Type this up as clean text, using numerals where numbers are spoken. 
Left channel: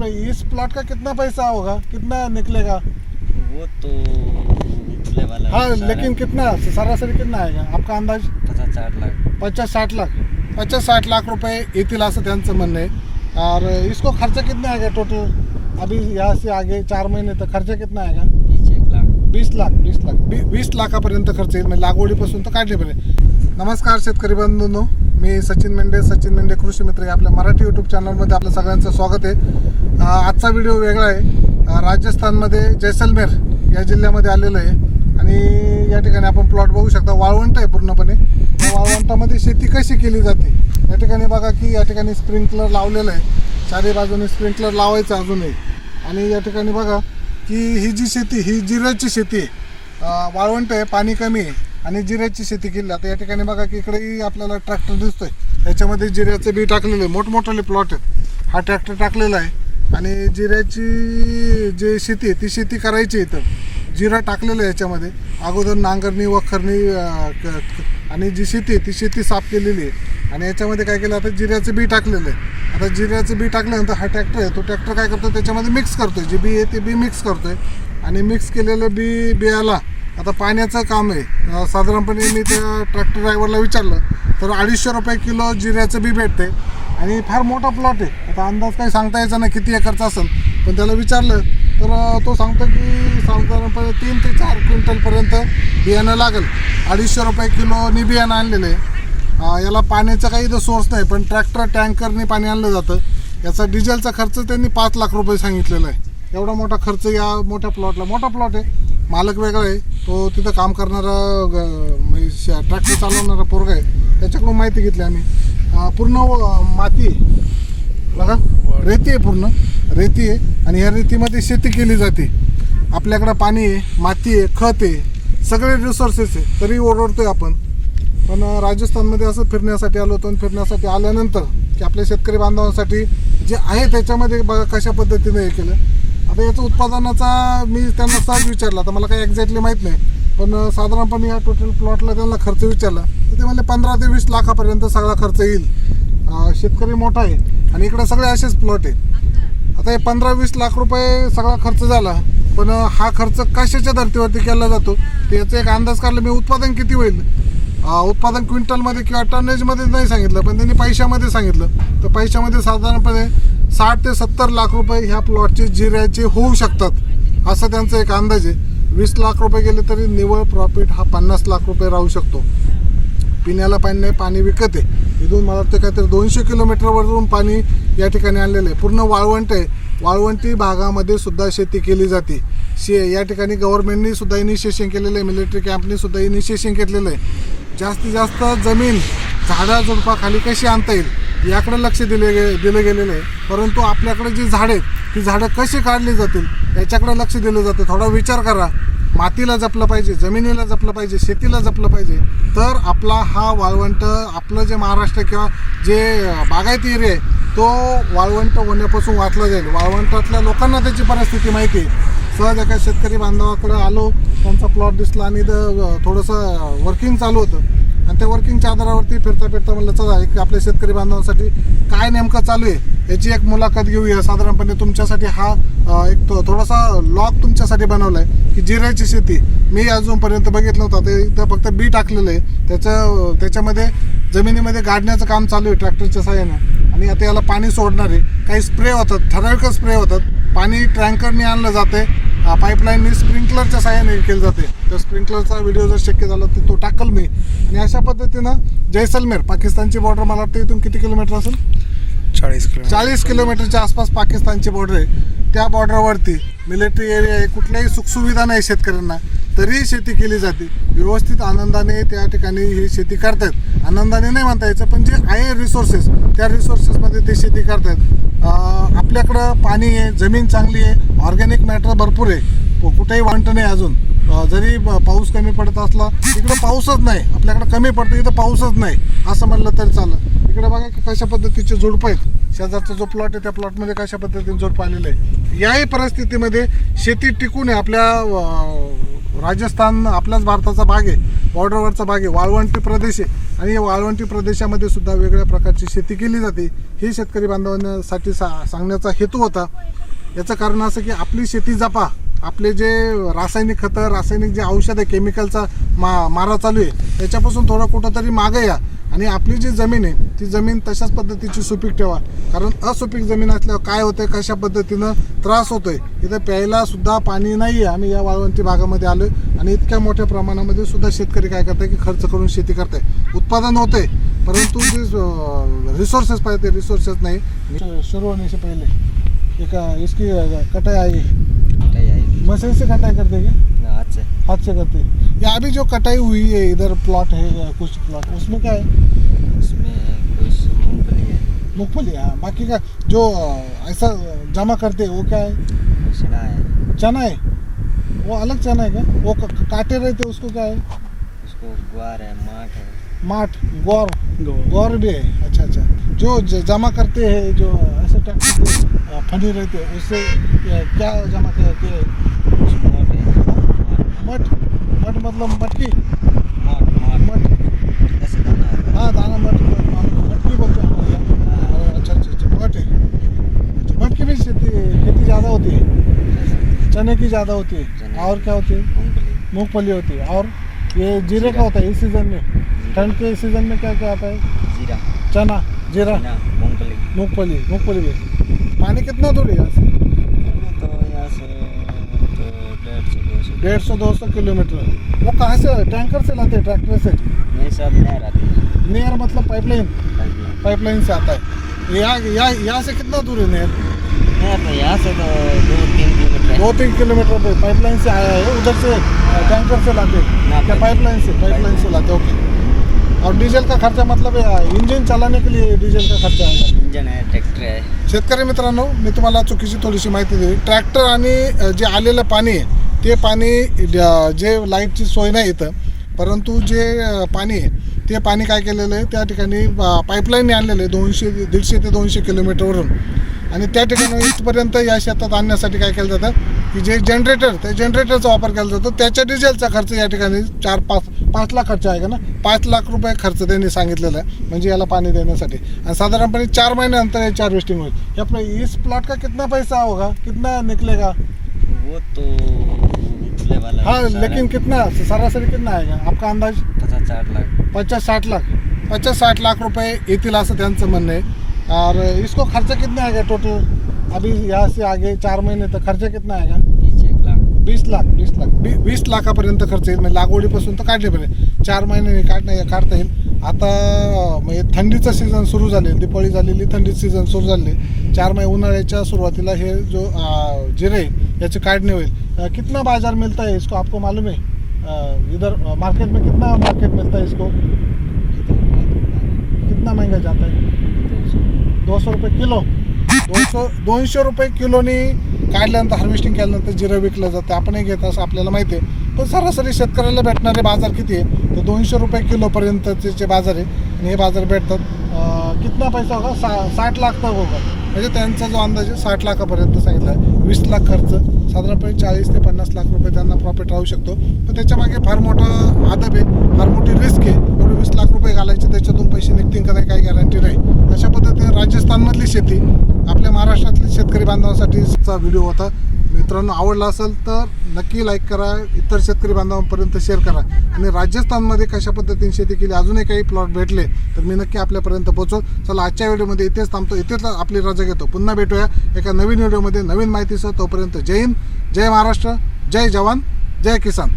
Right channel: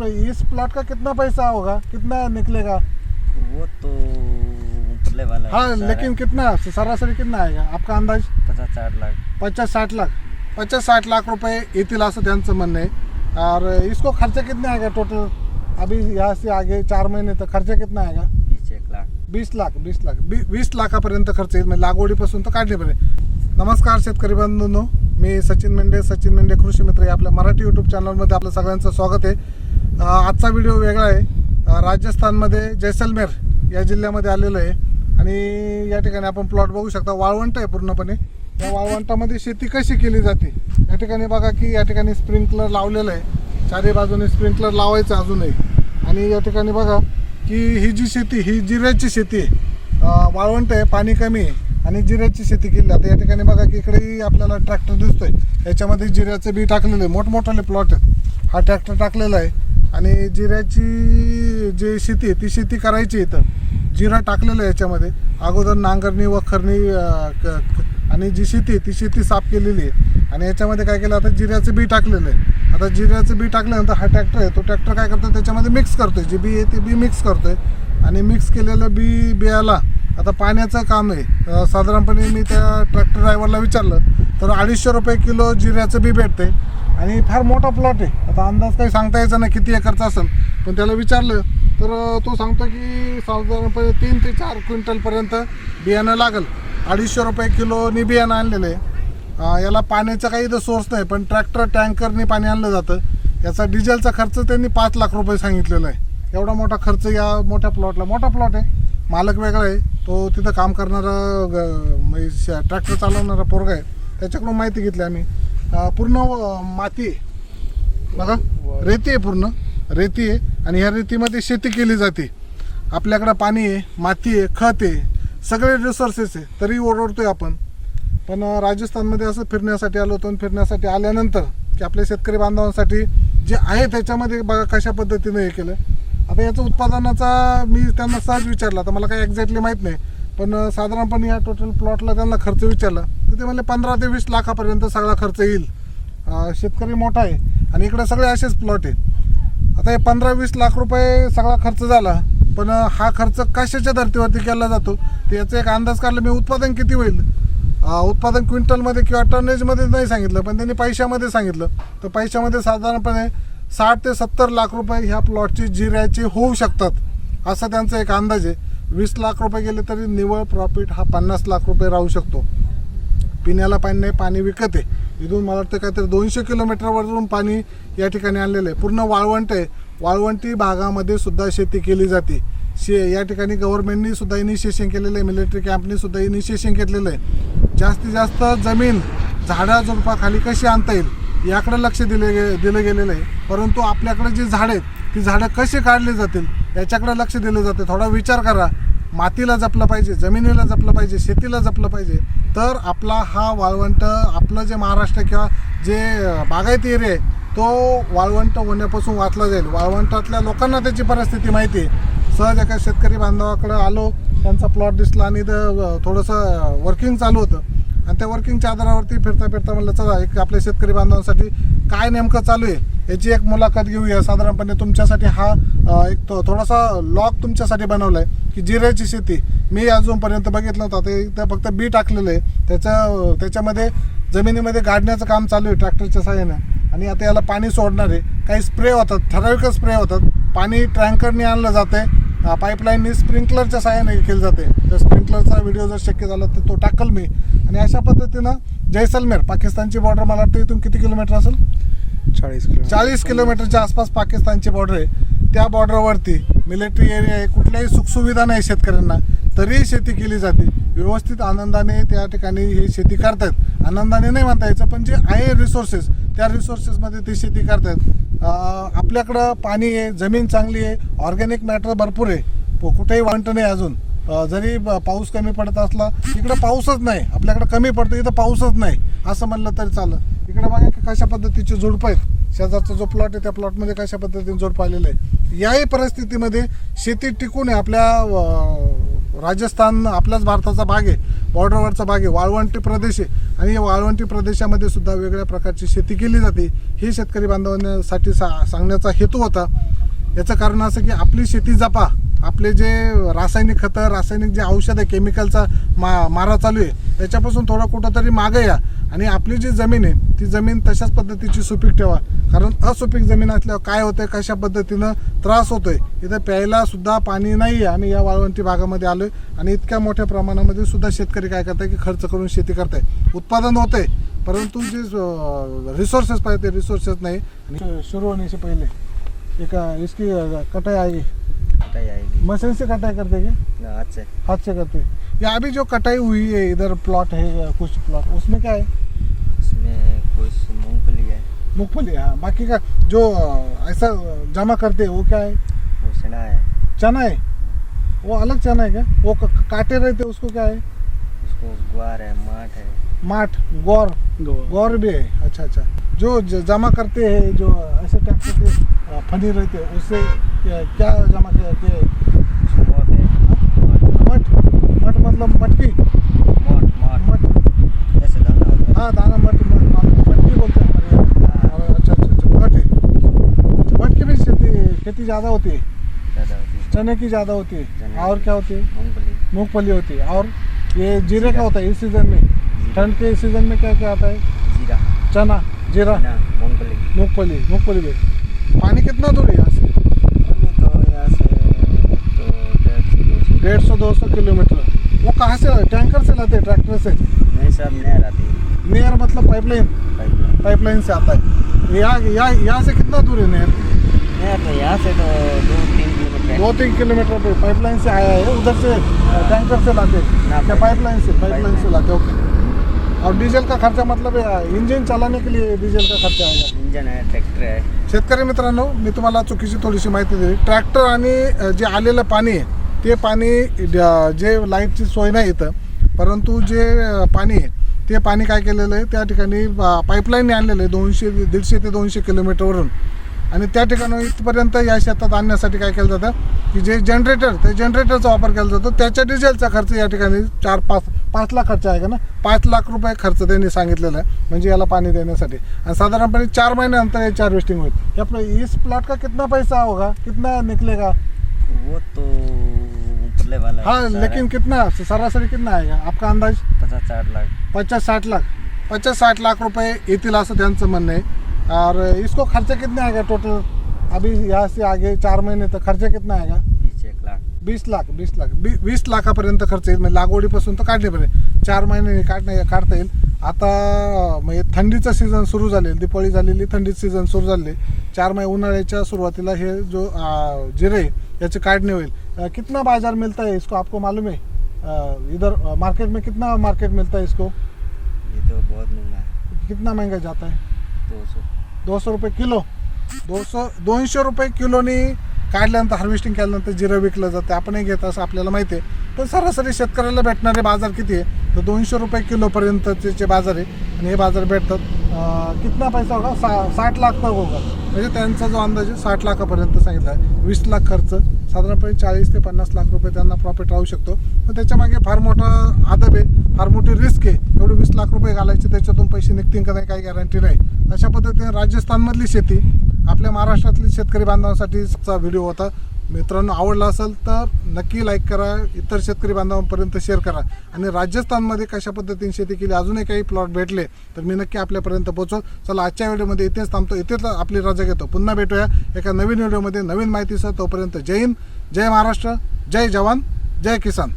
इस plot का कितना पैसा होगा, कितना निकलेगा? वो तो उछले वाला हाँ, लेकिन कितना सरासरी कितना आएगा आपका अंदाज? 50-60 लाख 50-60 लाख 50-60 लाख रुपए येतील असं त्यांचं म्हणणं आहे। और इसको खर्चा कितना आएगा टोटल? अभी यहाँ से आगे 4 महीने तक खर्चा कितना आएगा? 20 लाख 20 लाखापर्यंत खर्च येईल, म्हणजे लागवडीपासून तर काढण्यापर्यंत। नमस्कार शेतकरी बंधूंनो, मी सचिन मेंढे कृषी मित्र या आपल्या मराठी यूट्यूब चॅनलमध्ये आपलं सगळ्यांचं स्वागत आहे। आजचा व्हिडिओ वेगळा आहे। राजस्थानमध्ये जैसलमेर या जिल्ह्यामध्ये आलेलो आहे आणि या ठिकाणी आपण प्लॉट बघू शकता। वाळवंट आहे पूर्णपणे। या वाळवंटामध्ये शेती कशी केली जाते या ठिकाणी बघा की या ठिकाणी स्प्रिंकलर लावलेलं आहे, चारी बाजूने स्प्रिंकलर लावायचं अजूनही। आणि या ठिकाणी बघा की ही जी शेती ही जिऱ्याची शेती आहे। वाळवंट आहे, पाणी कमी आहे आणि जिऱ्याची शेती केली। आता या ठिकाणी बघा की इकडेही आपल्याला ट्रॅक्टर दिसतोय, त्याच्यामध्ये जिऱ्याचे बी टाकलेले मोठमोठाले प्लॉट आहेत। हा ट्रॅक्टर टाकलेला आहे आणि जिऱ्याची जी शेती आहे ती शेती करायची इथं। जिरा टाकलेलं आहे याच्यामध्ये, अगोदर नांगरणी वखरणी आणि जी शेती आहे ती शेती साफ केलेली आहे आणि याच्यामध्ये काय केलं आता जिऱ्याचं बी टाकलेलं आहे। आता जिऱ्याचं बी टाकल्यानंतर हा ट्रॅक्टर आहे, तो ट्रॅक्टर काय करतो त्याच्यामध्ये मिक्स करतोय, जे बी आहे ते बी मिक्स करतोय आणि मिक्स केलेलं बियाला आता पाण्याचं काम आहे। साधारणपणे मी त्या ट्रॅक्टर ड्रायव्हरला विचारलं तर 250 रुपये किलो जिऱ्याचं बी भेटते आणि फार मोठा प्लॉट आहे। आता अंदाज काही सांगता यायचा नाही किती एकरचा असेल, पण त्याला विचारलं तर तो सांगतो की साधारणपणे 3 ते 4 क्विंटलपर्यंत बियाणं लागेल। 250 रुपये किलोनी बियाणं आणलेलं आहे। याला पाण्याचा काही इथं सोर्स नाही, पण ट्रॅक्टर टँकरने पाणी आणलं जातं। याचा डिझेलचा खर्च त्यांनी 5 लाख रुपये सांगितलेला आहे। एवढा मोठा खर्च या मोठ्या प्लॉटला। मोठा प्लॉट आहे, मालक वेगळा आहे, तो तिथं काम करणारा ट्रॅक्टर चालवणारा पोरगा आहे, त्याच्याकडून माहिती घेतली आम्ही। पूर्ण माती आहे बघा, रेती आहे, पूर्ण रेती आहे आणि ह्या रेतीमध्ये शेती केली जाते। आपल्याकडं पाणी आहे, माती आहे, खत आहे, सगळे रिसोर्सेस आहे, तरी ओरडतोय आपण। पण राजस्थानमध्ये असं फिरण्यासाठी आलो होतो आणि फिरण्यासाठी आल्यानंतर की आपल्या शेतकरी बांधवांसाठी जे आहे त्याच्यामध्ये बघा कशा पद्धतीने हे केलं। आता याचं उत्पादनाचा मी त्यांना सहज विचारला, तर मला काही एक्झॅक्टली माहीत नाही, पण साधारणपणे या टोटल प्लॉटला त्यांना खर्च विचारला तर ते म्हणले 15 ते 20 लाखापर्यंत सगळा खर्च येईल। शेतकरी मोठा आहे आणि इकडे सगळे असेच प्लॉट आहेत। आता हे 15-20 लाख रुपये सगळा खर्च झाला, पण हा खर्च कशाच्या धर्तीवरती केला जातो ते याचा एक अंदाज काढला मी। उत्पादन किती होईल, उत्पादन क्विंटलमध्ये किंवा टनेजमध्ये नाही सांगितलं, पण त्यांनी पैशामध्ये सांगितलं। तर पैशामध्ये साधारणपणे 60 ते 70 लाख रुपये ह्या प्लॉटची जिऱ्याची होऊ शकतात असा त्यांचा एक अंदाज आहे। 20 लाख रुपये गेले तरी निव्वळ प्रॉफिट हा 50 लाख रुपये राहू शकतो। पिण्याला पाणी नाही, पाणी विकत आहे। इथून मला वाटतं काहीतरी 200 किलोमीटरवरून पाणी या ठिकाणी आणलेलं आहे। पूर्ण वाळवंट आहे, वाळवंटी भागामध्ये सुद्धा शेती केली जाते। या ठिकाणी गव्हर्नमेंटनी सुद्धा इनिशिएशन केलेलं आहे, मिलिटरी कॅम्पनी सुद्धा इनिशिएशन केलेलं आहे। जास्तीत जास्त जमीन झाडाझुडपाखाली कशी आणता येईल याकडे लक्ष दिलं गेलेलं आहे। परंतु आपल्याकडे जी झाडं आहेत ती झाडं कशी काढली जातील याच्याकडे लक्ष दिलं जातं। थोडा विचार करा, मातीला जपलं पाहिजे, जमिनीला जपलं पाहिजे, शेतीला जपलं पाहिजे, तर आपला हा वाळवंट, आपलं जे महाराष्ट्र किंवा जे बागायती एरिया आहे तो वाळवंट होण्यापासून वाचला जाईल। वाळवंटातल्या लोकांना त्याची परिस्थिती माहिती आहे। सहज एका शेतकरी बांधवाकडे आलो, त्यांचा प्लॉट दिसला आणि थोडंसं वर्किंग चालू होतं आणि त्या वर्किंगच्या आधारावरती फिरता म्हणलं चला एक आपल्या शेतकरी बांधवांसाठी काय नेमकं चालू आहे याची एक मुलाखत घेऊया। साधारणपणे तुमच्यासाठी हा एक थोडासा लॉग तुमच्यासाठी बनवला आहे की जिऱ्याची शेती मी अजूनपर्यंत बघितलं नव्हतं। ते इथं फक्त बी टाकलेलं आहे, त्याच्यामध्ये जमिनीमध्ये गाडण्याचं काम चालू आहे ट्रॅक्टरच्या साहाय्यानं आणि आता याला पाणी सोडणार आहे। काही स्प्रे होतात, ठराविक स्प्रे होतात, पाणी टँकरने आणलं जातं, पाईपलाईननी स्प्रिंकलरच्या साहाय्याने केलं जाते। तो स्प्रिंकलरचा व्हिडिओ जर शक्य झाला तर तो टाकल मी। आणि अशा पद्धतीनं जैसलमेर पाकिस्तानची बॉर्डर मला वाटतं इथून किती किलोमीटर असेल, 40 किलोमीटरच्या आसपास पाकिस्तानची बॉर्डर आहे। त्या बॉर्डरवरती मिलिटरी एरिया आहे, कुठल्याही सुखसुविधा नाही शेतकऱ्यांना, तरी शेती केली जाते व्यवस्थित, आनंदाने त्या ठिकाणी ही शेती करतात। आनंदाने नाही म्हणता यायचं, पण जे आहे रिसोर्सेस त्या रिसोर्सेसमध्ये ते शेती करतात। आपल्याकडं पाणी आहे, जमीन चांगली आहे, ऑर्गॅनिक मॅटर भरपूर आहे, कुठेही वांट नाही अजून। जरी पाऊस कमी पडत असला, इकडं पाऊसच नाही, आपल्याकडं कमी पडतं, इथं पाऊसच नाही असं म्हणलं तरी चालेल। इकडे बघा की कशा पद्धतीचे झुडपं आहेत, शेजारचा जो प्लॉट आहे त्या प्लॉटमध्ये कशा पद्धतीने झुडपं आलेलं आहे। याही परिस्थितीमध्ये शेती टिकून आहे। आपल्या राजस्थान आपल्याच भारताचा भाग आहे, बॉर्डरवरचा भाग आहे, वाळवंटी प्रदेश आहे आणि या वाळवंटी प्रदेशामध्ये सुद्धा वेगळ्या प्रकारची शेती केली जाते। ही शेतकरी बांधवांसाठी सांगण्याचा हेतू होता। याचं कारण असं की आपली शेती जपा, आपले जे रासायनिक खतं, रासायनिक जे औषध आहे, केमिकलचा मारा चालू आहे त्याच्यापासून थोडं कुठंतरी मागं या आणि आपली जी जमीन आहे ती जमीन तशाच पद्धतीची सुपीक ठेवा. कारण असुपीक जमीन असल्यावर काय होतं, कशा पद्धतीनं त्रास होतोय. इथं प्यायला सुद्धा पाणी नाही आहे. आम्ही या वाळवंटी भागामध्ये आलो आहे आणि इतक्या मोठ्या प्रमाणामध्ये सुद्धा शेतकरी काय करताय की खर्च करून शेती करताय, उत्पादन होतंय, परंतु जे रिसोर्सेस पाहिजे ते रिसोर्सेस नाही. शुरू होने से पहले एक इसकी कटाई आएगी, कटाई आएगी मशीन से कटाई करते क्या, हाथ से करते. या अभी जो कटाई हुई है इधर प्लॉट है कुछ प्लॉट, उसमें क्या है, उसमें कुछ मूंगफली है, मूंगफली. हाँ, बाकी का जो ऐसा जमा करते हैं वो क्या है, वो चना है, चना है. वो अलग चना है क्या, वो काटे रहते उसको क्या है, उसको ग्वार है, माठ है, माठ, गौर, गौर भी है. अच्छा अच्छा. जो जमा करते हैं, जो ऐसे ट्रैक्टर से फनी रहते हैं, उससे क्या जमा करते हैं, मोट है, मठ, मठ मतलब मटकी, मोट मठ. ऐसे दाना होता है. हाँ, दाना मठ, मटकी बोलते हैं हमारे यहाँ. हाँ, अच्छा अच्छा अच्छा, मठ है. अच्छा, मठ की भी खेती ज़्यादा होती है, ज़्यादा चने की ज़्यादा होती है. चने. और क्या होती है, मूंगफली, मूंगफली होती है. और ये जीरे का होता है इस सीज़न में. ठंड के सीज़न में क्या क्या आता है, जीरा, चना, जीरा, चना, मूंगफली. मूंगफली, मूंगफली भी. पानी कितना दूर है यहाँ से, अभी तो यहाँ से तो 150-200 150-200 किलोमीटर. वो कहाँ से, टैंकर से लाते हैं, ट्रैक्टर से, नहीं सब नहर आती है, नहर मतलब पाइपलाइन, पाइपलाइन. पाइपलाइन से आता है. यहाँ से कितना दूर है नहर, नहर तो यहाँ से तो 2-3 किलोमीटर है. 2-3 किलोमीटर पे पाइपलाइन से आया है. उधर से टैंकर से लाते ना, क्या, पाइपलाइन से लाते. ओके. और डीजल का खर्चा मतलब इंजिन चलाने के लिए डीजल का खर्चा आएगा. इंजन है, ट्रॅक्टर आहे. शेतकरी मित्रांनो, मी तुम्हाला चुकीची थोडीशी माहिती दिली. ट्रॅक्टर आणि जे आलेलं पाणी आहे ते पाणी जे लाईटची सोय नाही इथं, परंतु जे पाणी आहे ते पाणी काय केलेलं आहे त्या ठिकाणी पाईपलाईनने आणलेलं आहे 150 ते 200 किलोमीटरवरून. आणि त्या ठिकाणी इथपर्यंत या शेतात आणण्यासाठी काय केलं जातं की जे जनरेटर, त्या जनरेटरचा वापर केला जातो. त्याच्या डिझेलचा खर्च या ठिकाणी 4-5 लाख खर्च आहे का ना, 5 लाख रुपये खर्च त्यांनी सांगितलेला आहे म्हणजे याला पाणी देण्यासाठी. आणि साधारणपणे 4 महिन्यानंतर याची हार्वेस्टिंग होईल. हे आपलं इस प्लॉट का कितना पैसा होगा, कितना निकलेगा, वो तो उछले वाला हाँ, सारा लेकिन कितना सरासरी कितना आएगा आपका अंदाज, 50-60 लाख. 50-60 लाख, 50-60 लाख रुपये येतील असं त्यांचं म्हणणं आहे. और इसको खर्चा कितना आएगा टोटल, अभी यहाँ से आगे 4 महीने तक खर्चा कितना आएगा, 20 लाख. 20 लाखापर्यंत खर्च येईल. म्हणजे लागवडीपासून तर काढण्यापर्यंत 4 महिन्यांनी काढता येईल. आता म्हणजे थंडीचं सीझन सुरू झाले, दिवाळी झालेली, थंडीचं सीझन सुरू झाले. 4 महिने उन्हाळ्याच्या सुरुवातीला हे जो जिरे याची काढणी होईल. कितना बाजार मिलता है इसको, आपको मालूम है, इधर मार्केट में कितना मार्केट मिलता है इसको, ये तो बहुत महंगा है. कितना महंगा जाता है, 200 रुपये किलो. 200 रुपये किलोनी काढल्यानंतर हार्वेस्टिंग केल्यानंतर जिरं विकलं जातं. आपणही घेत असं आपल्याला माहिती आहे. पण सरासरी शेतकऱ्याला भेटणारे बाजार किती आहे, तर 200 रुपये किलोपर्यंतचे जे बाजार आहे आणि हे बाजार भेटतात. कितना पैसा होगा, 60 लाख तक होगा. म्हणजे त्यांचा जो अंदाज आहे 60 लाखापर्यंत सांगितला आहे. 20 लाख खर्च, साधारणपणे 40 ते 50 लाख रुपये त्यांना प्रॉफिट राहू शकतो. पण त्याच्यामागे फार मोठा आदब आहे, फार मोठी रिस्क आहे. एवढे 20 लाख रुपये घालायचे, त्याच्यातून पैसे निघतील का नाही काही गॅरंटी नाही. अशा पद्धतीने राजस्थानमधली शेती आपल्या महाराष्ट्रातली शेतकरी बांधवांसाठीचा व्हिडिओ होता. मित्रांनो, आवडला असेल तर नक्की लाईक करा, इतर शेतकरी बांधवांपर्यंत शेअर करा. आणि राजस्थानमध्ये कशा पद्धतीने शेती केली, अजूनही काही प्लॉट भेटले तर मी नक्की आपल्यापर्यंत पोहोचव. चला, आजच्या व्हिडिओमध्ये इथेच थांबतो, इथेच आपली रजा घेतो. पुन्हा भेटूया एका नवीन व्हिडिओमध्ये नवीन माहितीसह. तोपर्यंत जय हिंद, जय महाराष्ट्र, जय जवान, जय किसान.